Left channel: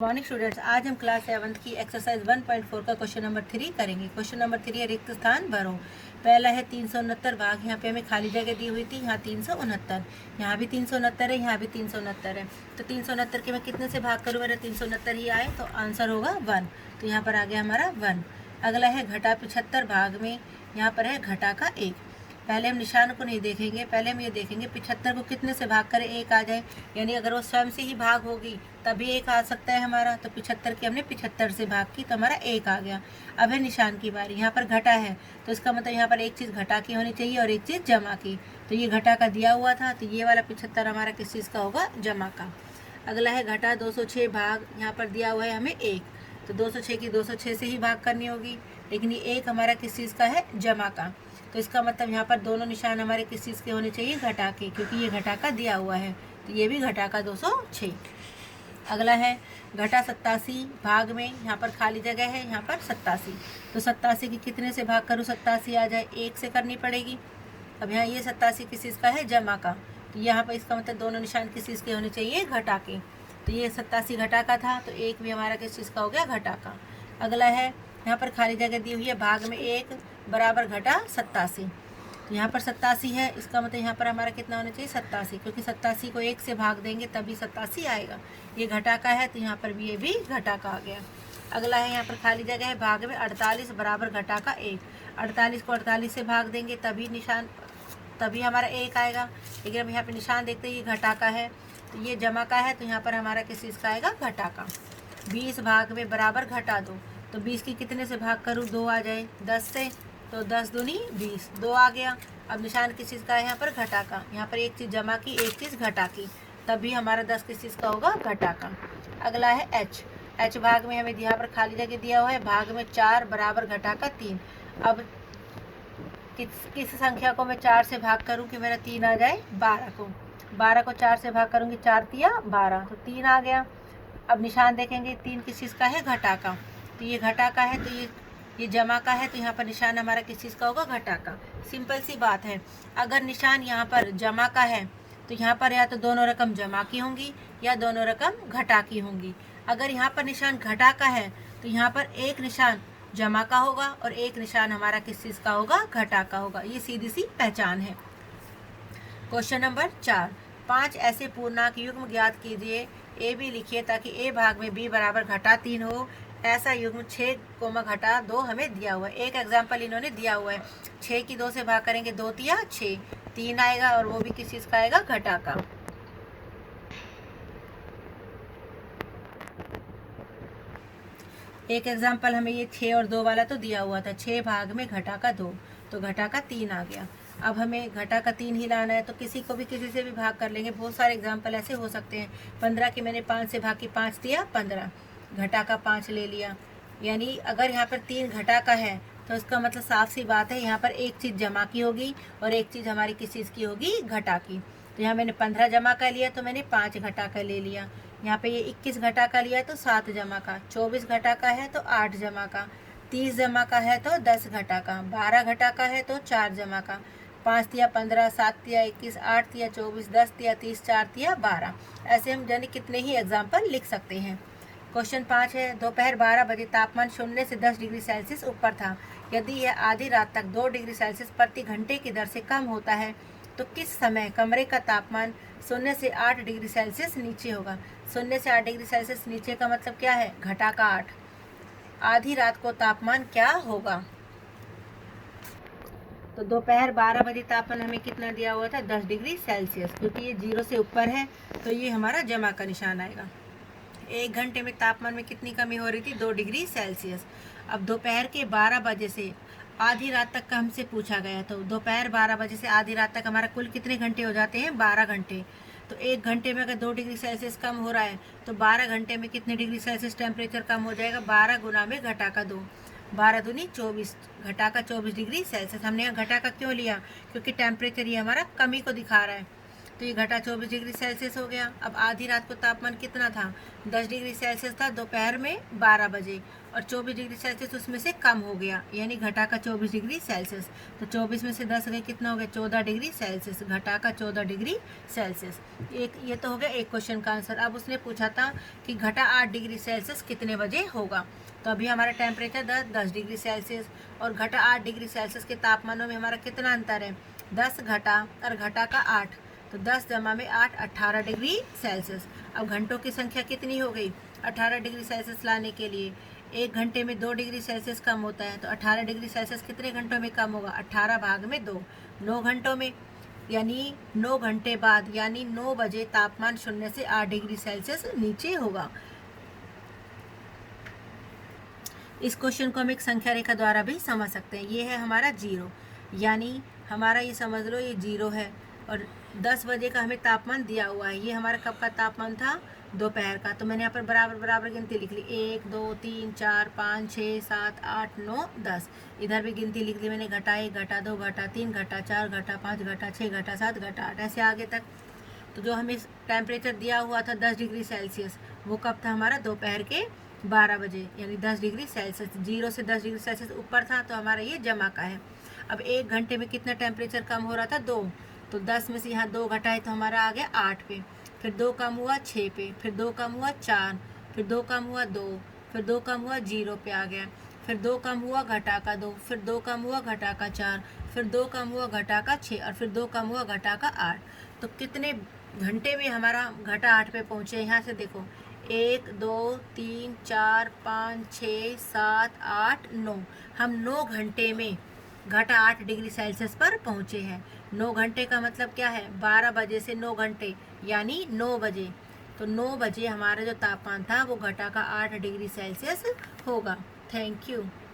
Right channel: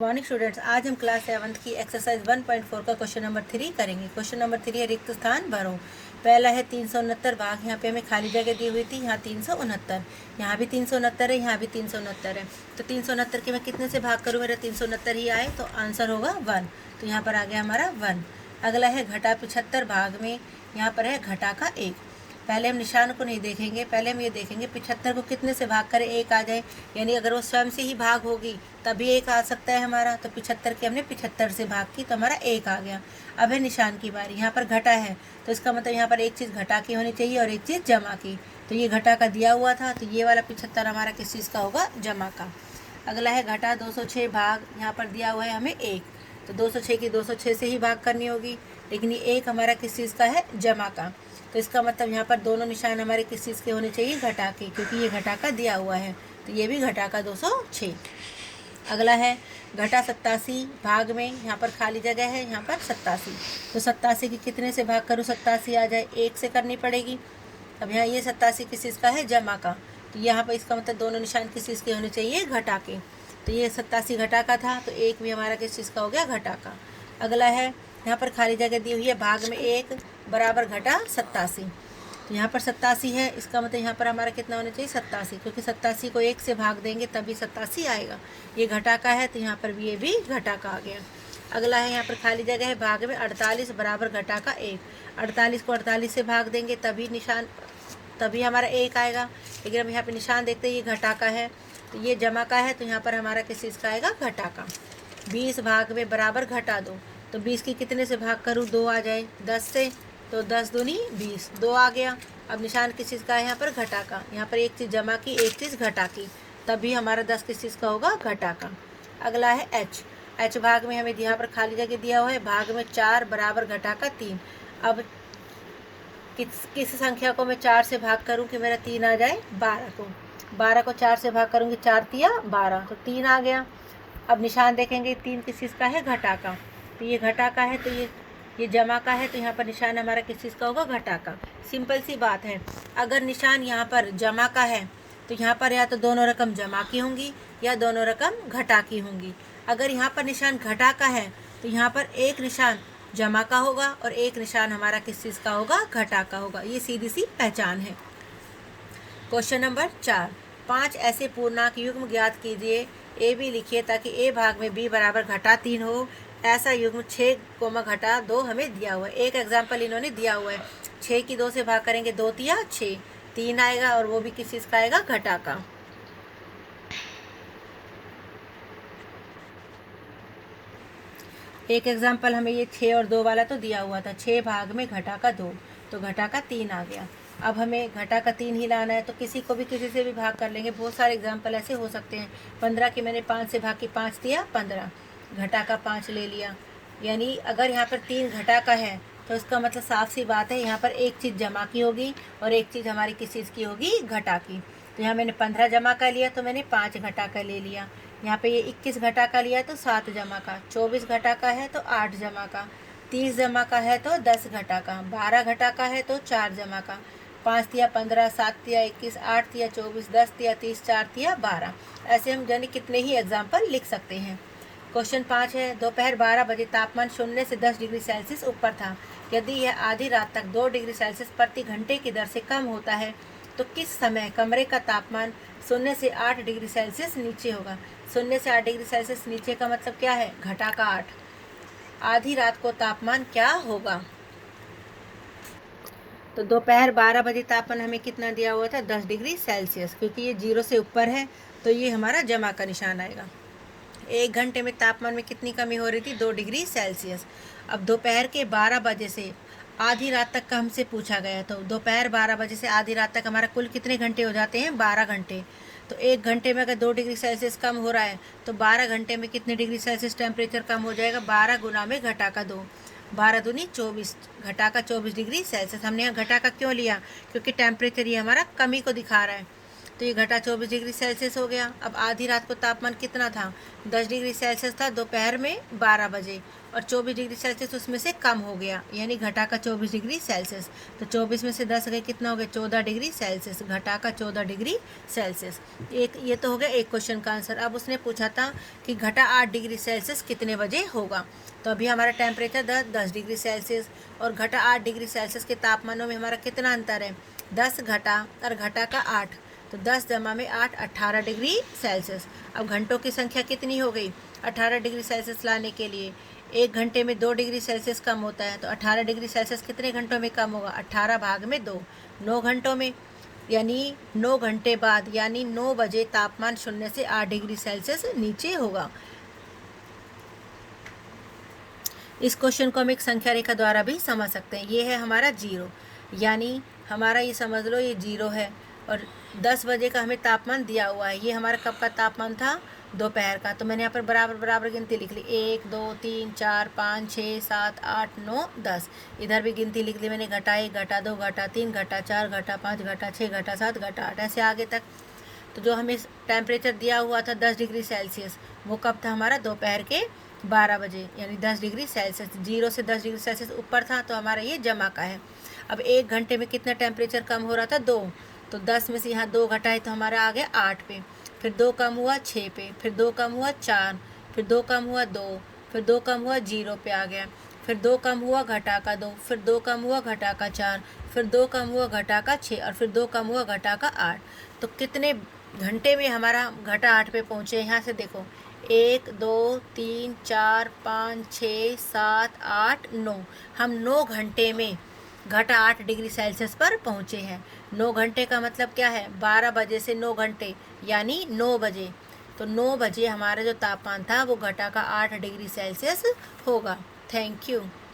Morning students, आज हम class 7 की एक्सरसाइज 1.4 का क्वेश्चन नंबर 3 करेंगे। क्वेश्चन नंबर 3 है रिक्त स्थान भरो। पहला है 369 भाग, यहाँ पे हमें खाली जगह दी हुई थी, यहाँ 369, यहाँ भी 369 है, यहाँ भी 369 है। तो 369 के मैं कितने से भाग करूँ, मेरा 369 ही आए तो आंसर होगा 1। तो यहाँ पर आ गया हमारा 1। अगला है घटा 75 भाग में, यहाँ पर है घटा का 1। पहले हम निशान को नहीं देखेंगे, पहले हम ये देखेंगे 75 को कितने से भाग करें 1 आ जाए, यानी अगर वो स्वयं से ही भाग होगी तभी 1 आ सकता है हमारा। तो 75 की हमने 75 से भाग की तो हमारा 1 आ गया। अब है निशान की बारी, यहाँ पर घटा है तो इसका मतलब यहाँ पर एक चीज़ घटा की होनी चाहिए और एक चीज़ जमा की। तो ये घटा का दिया हुआ था, तो ये वाला 75 हमारा किस चीज़ का होगा, जमा का। अगला है घटा 206 भाग, यहाँ पर दिया हुआ है हमें 1, तो 206 की 206 से ही भाग करनी होगी, लेकिन ये 1 हमारा किस चीज़ का है, जमा का। तो इसका मतलब यहाँ पर दोनों निशान हमारे किस चीज़ के होने चाहिए, घटा के, क्योंकि ये घटा का दिया हुआ है, तो ये भी घटा का 206। अगला है घटा 87 भाग में, यहाँ पर खाली जगह है, यहाँ पर 87, तो 87 की कितने से भाग करूँ 87 आ जाए, 1 से करनी पड़ेगी। अब यहाँ ये 87 किस चीज़ का है, जमा का, तो यहाँ पर इसका मतलब दोनों निशान किस चीज़ के होने चाहिए, घटा के। तो ये 87 घटा का था, तो 1 भी हमारा किस चीज़ का हो गया, घटा का। अगला है यहाँ पर खाली जगह दी हुई है, भाग में 1 बराबर घटा 87, यहाँ पर 87 है, इसका मतलब यहाँ पर हमारा कितना होना चाहिए, 87, क्योंकि 87 को 1 से भाग देंगे तभी 87 आएगा। ये घटा का है तो यहाँ पर भी ये भी घटा का आ गया। अगला है यहाँ पर खाली जगह है, भाग में 48 बराबर घटा का 1, 48 को 48 से भाग देंगे तभी हमारा 1 आएगा। लेकिन अब यहाँ पर निशान देखते हैं, ये घटा का है तो ये जमा का है, तो यहाँ पर हमारा किस चीज़ का आएगा, घटा का। 20 भाग में बराबर घटा 2, तो 20 की कितने से भाग करूँ, 2 आ जाए 10 से, तो 10 दूनी 20, 2 आ गया। अब निशान किस चीज़ का है, यहाँ पर घटा का, यहाँ पर एक चीज़ जमा की एक चीज़ घटा की, तभी हमारा 10 किस चीज़ का होगा, घटा का। अगला है एच भाग में हमें यहाँ पर खाली जगह दिया हुआ है, भाग में 4 बराबर घटा का 3। अब किस संख्या को मैं 4 से भाग करूँ कि मेरा 3 आ जाए, 12 को 4 से भाग करूँगी, 4 तिया 12, तो 3 आ गया। अब निशान देखेंगे, 3 किस चीज़ का है, घटा का, तो ये घटा का है, तो ये जमा का है, तो यहाँ पर निशान हमारा किस चीज़ का होगा, घटा का। सिंपल सी बात है, अगर निशान यहाँ पर जमा का है तो यहाँ पर या तो दोनों रकम जमा की होंगी या दोनों रकम घटा की होंगी। अगर यहाँ पर निशान घटा का है तो यहाँ पर एक निशान जमा का होगा और एक निशान हमारा किस चीज़ का होगा, घटा का होगा। ये सीधी सी पहचान है। क्वेश्चन नंबर 4, 5 ऐसे पूर्णांक युग्म ज्ञात कीजिए, ए बी लिखिए ताकि ए भाग में बी बराबर घटा 3 हो। ऐसा युग्म 6 घटा 2 हमें दिया हुआ है। एक एग्जाम्पल इन्होंने दिया हुआ है, 6 की 2 से भाग करेंगे, 2 तिया 6, 3 आएगा और वो भी किस चीज़ का आएगा, घटा का। एक एग्जाम्पल हमें ये 6 और 2 वाला तो दिया हुआ था, 6 भाग में घटा का 2, तो घटा का 3 आ गया। अब हमें घटा का 3 ही लाना है, तो किसी को भी किसी से भी भाग कर लेंगे। बहुत सारे एग्जाम्पल ऐसे हो सकते हैं। 15 की मैंने 5 से भाग की, 5 दिया 15, घटा का 5 ले लिया। यानी अगर यहाँ पर 3 घटा का है तो इसका मतलब साफ सी बात है, यहाँ पर एक चीज़ जमा की होगी और एक चीज़ हमारी किस चीज़ की होगी, घटा की। तो यहाँ मैंने 15 जमा का लिया तो मैंने 5 घटा का ले लिया। यहाँ पे ये 21 घटा का लिया तो 7 जमा का, 24 घटा का है तो 8 जमा का, 30 जमा का है तो 10 घटा का, 12 घटा का है तो 4 जमा का, 5 तिया 15, 7 तिया 21, 8 तिया 24, 10 तिया 30, 4 तिया 12। ऐसे हम यानी कितने ही एग्जाम्पल लिख सकते हैं। क्वेश्चन 5 है, दोपहर 12 बजे तापमान 0 से 10 डिग्री सेल्सियस ऊपर था। यदि यह आधी रात तक 2 डिग्री सेल्सियस प्रति घंटे की दर से कम होता है तो किस समय कमरे का तापमान 0 से 8 डिग्री सेल्सियस नीचे होगा। 0 से 8 डिग्री सेल्सियस नीचे का मतलब क्या है, घटा का 8। आधी रात को तापमान क्या होगा, तो दोपहर 12 बजे तापमान हमें कितना दिया हुआ था, 10 डिग्री सेल्सियस, क्योंकि ये 0 से ऊपर है तो ये हमारा जमा का निशान आएगा। 1 घंटे में तापमान में कितनी कमी हो रही थी, 2 डिग्री सेल्सियस। अब दोपहर के 12 बजे से आधी रात तक का हमसे पूछा गया, तो दोपहर 12 बजे से आधी रात तक हमारा कुल कितने घंटे हो जाते हैं, 12 घंटे। तो 1 घंटे में अगर 2 डिग्री सेल्सियस कम हो रहा है तो 12 घंटे में कितने डिग्री सेल्सियस टेम्परेचर कम हो जाएगा, 12 गुना में घटा का 2, 12 दूनी 24, घटा का 24 डिग्री सेल्सियस। हमने यहाँ घटा का क्यों लिया, क्योंकि टेम्परेचर ये हमारा कमी को दिखा रहा है। तो ये घटा 24 डिग्री सेल्सियस हो गया। अब आधी रात को तापमान कितना था, 10 डिग्री सेल्सियस था दोपहर में 12 बजे, और 24 डिग्री सेल्सियस उसमें से कम हो गया, यानी घटा का 24 डिग्री सेल्सियस। तो 24 में से 10 गए, कितना हो गया, 14 डिग्री सेल्सियस, घटा का 14 डिग्री सेल्सियस। एक ये तो हो गया एक क्वेश्चन का आंसर। अब उसने पूछा था कि घटा 8 डिग्री सेल्सियस कितने बजे होगा। तो अभी हमारा टेम्परेचर 10 डिग्री सेल्सियस, और घटा 8 डिग्री सेल्सियस के तापमानों में हमारा कितना अंतर है, 10 घटा और घटा का 8, तो 10 जमा में 8 18 डिग्री सेल्सियस। अब घंटों की संख्या कितनी हो गई, 18 डिग्री सेल्सियस लाने के लिए 1 घंटे में 2 डिग्री सेल्सियस कम होता है, तो 18 डिग्री सेल्सियस कितने घंटों में कम होगा, 18 भाग में 2, 9 घंटों में, यानी 9 घंटे बाद, यानी 9 बजे तापमान 0 से 8 डिग्री सेल्सियस नीचे होगा। इस क्वेश्चन को हम एक संख्या रेखा द्वारा भी समझ सकते हैं। ये है हमारा 0, यानी हमारा ये समझ लो ये 0 है, और 10 बजे का हमें तापमान दिया हुआ है। ये हमारा कब का तापमान था, दोपहर का। तो मैंने यहाँ पर बराबर बराबर गिनती लिख ली, 1 2 3 4 5 6 7 8 9 10। इधर भी गिनती लिख ली मैंने, घटा 1 घटा 2 घटा 3 घटा 4 घटा 5 घटा 6 घटा 7 घटा 8, ऐसे आगे तक। तो जो हमें टेम्परेचर दिया हुआ था 10 डिग्री सेल्सियस, वो कब था हमारा, दोपहर के 12 बजे, यानी 10 डिग्री सेल्सियस। 0 से 10 डिग्री सेल्सियस ऊपर था, तो हमारा ये जमा का है। अब 1 घंटे में कितना टेम्परेचर कम हो रहा था, 2, तो 10 में से यहाँ 2 घटाए तो हमारा आ गया 8 पे, फिर 2 कम हुआ 6 पे, फिर 2 कम हुआ 4, फिर 2 कम हुआ 2, फिर 2 कम हुआ 0 पे आ गया, फिर 2 कम हुआ घटा का 2, फिर 2 कम हुआ घटा का 4, फिर 2 कम हुआ घटा का 6, और फिर 2 कम हुआ घटा का 8। तो कितने घंटे में हमारा घटा 8 पे पहुँचे, यहाँ से देखो, 1 2 3 4 5 6 7 8 9, हम 9 घंटे में घटा 8 डिग्री सेल्सियस पर पहुँचे हैं। 9 घंटे का मतलब क्या है, 12 बजे से 9 घंटे, यानी 9 बजे। तो 9 बजे हमारा जो तापमान था वो घटा का 8 डिग्री सेल्सियस होगा। Thank you.